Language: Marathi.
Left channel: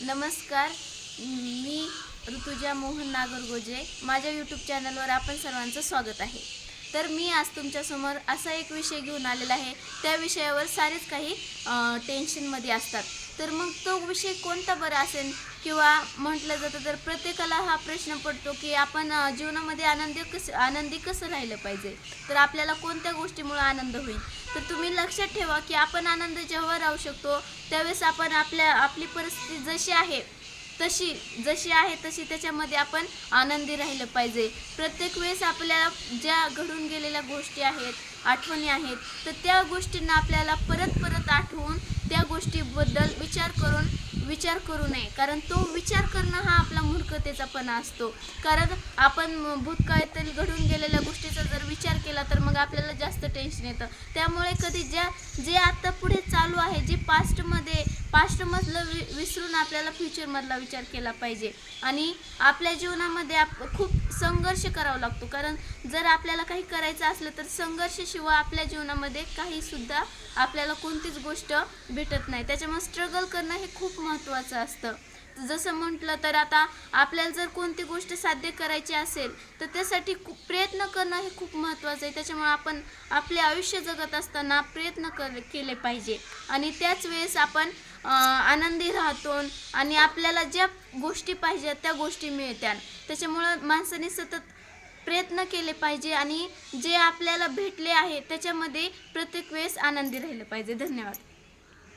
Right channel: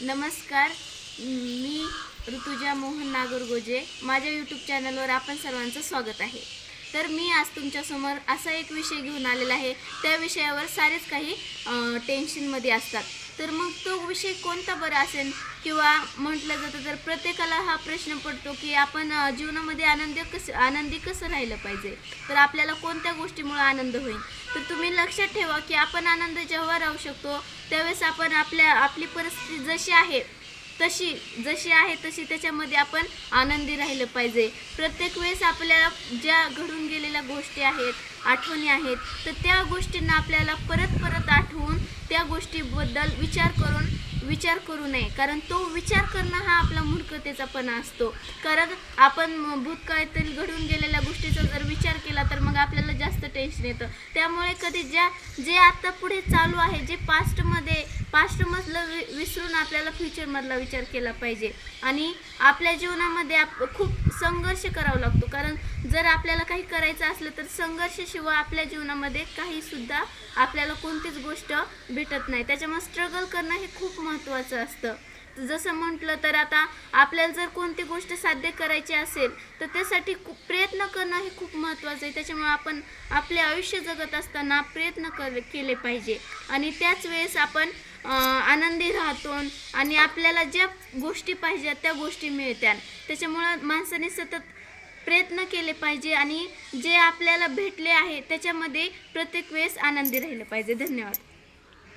नमस्कार, मी ऋतुजा मोहन नागरगोजे. माझ्या यूट्यूब चॅनलवर आपण सर्वांचं स्वागत आहे. तर मी आज तुमच्यासमोर असा एक विषय घेऊन आलेला आहे. त्या विषयावर सारेच काही टेन्शनमध्ये असतात. तर मग तो विषय कोणता बरं असेल किंवा म्हटलं जातं तर प्रत्येकाला हा प्रश्न पडतो की आपण जीवनामध्ये आनंदी कसं राहिलं पाहिजे. तर आपल्याला कोणत्या गोष्टीमुळे आनंद होईल. तर तुम्ही लक्षात ठेवा की आपण आनंद जेव्हा राहू शकतो त्यावेळेस आपण आपली परिस्थिती जशी आहे तशी त्याच्यामध्ये आपण आनंदी राहिलं पाहिजे. प्रत्येक वेळेस आपल्याला ज्या घडून गेलेल्या गोष्टी आहेत, आठवणी आहेत, तर त्या गोष्टींना आपल्याला परत आठवून त्या गोष्टीबद्दल विचार करू नये. कारण तो विचार करणं हा आपला मूर्खतेचापणा असतो. कारण आपण भूतकाळातील घडून गेलेल्या गोष्टीचा जर विचार केला तर मग आपल्याला जास्त टेन्शन येतं. त्यामुळे कधी जे आता पुढे चालू आहे, जे पास्टमधलं विसरून आपल्याला फ्युचरमधला विचार केला पाहिजे. आणि आपल्या जीवनामध्ये खूप संघर्ष करावा लागतो. कारण जर आपल्याला काही करायचं असलं तर संघर्षाशिवाय आपल्या जीवनामध्ये काहीसुद्धा आपल्याला कोणतीच गोष्ट भेटत नाही. त्याच्यामुळे स्ट्रगल करणं हे खूप महत्त्वाचं असतं. जसं म्हटलं तर आता आपल्याला जर कोणती गोष्ट साध्य करायची असेल तर त्यासाठी प्रयत्न करणं हे खूप महत्त्वाचं आहे. त्याच्यामुळे आपण आपले आयुष्य जगत असताना प्रयत्न केले पाहिजे आणि त्याच वेळेस आपण आनंदी राहतो आणि आपल्याला ज्या गोष्टी पाहिजेत त्या गोष्टी मिळतात. त्याच्यामुळं माणसाने सतत प्रयत्न केले पाहिजे आणि जे आपल्याला भेटले आहे त्याच्यामध्ये प्रत्येक वेळेस आनंदी राहिलं पाहिजे. धन्यवाद.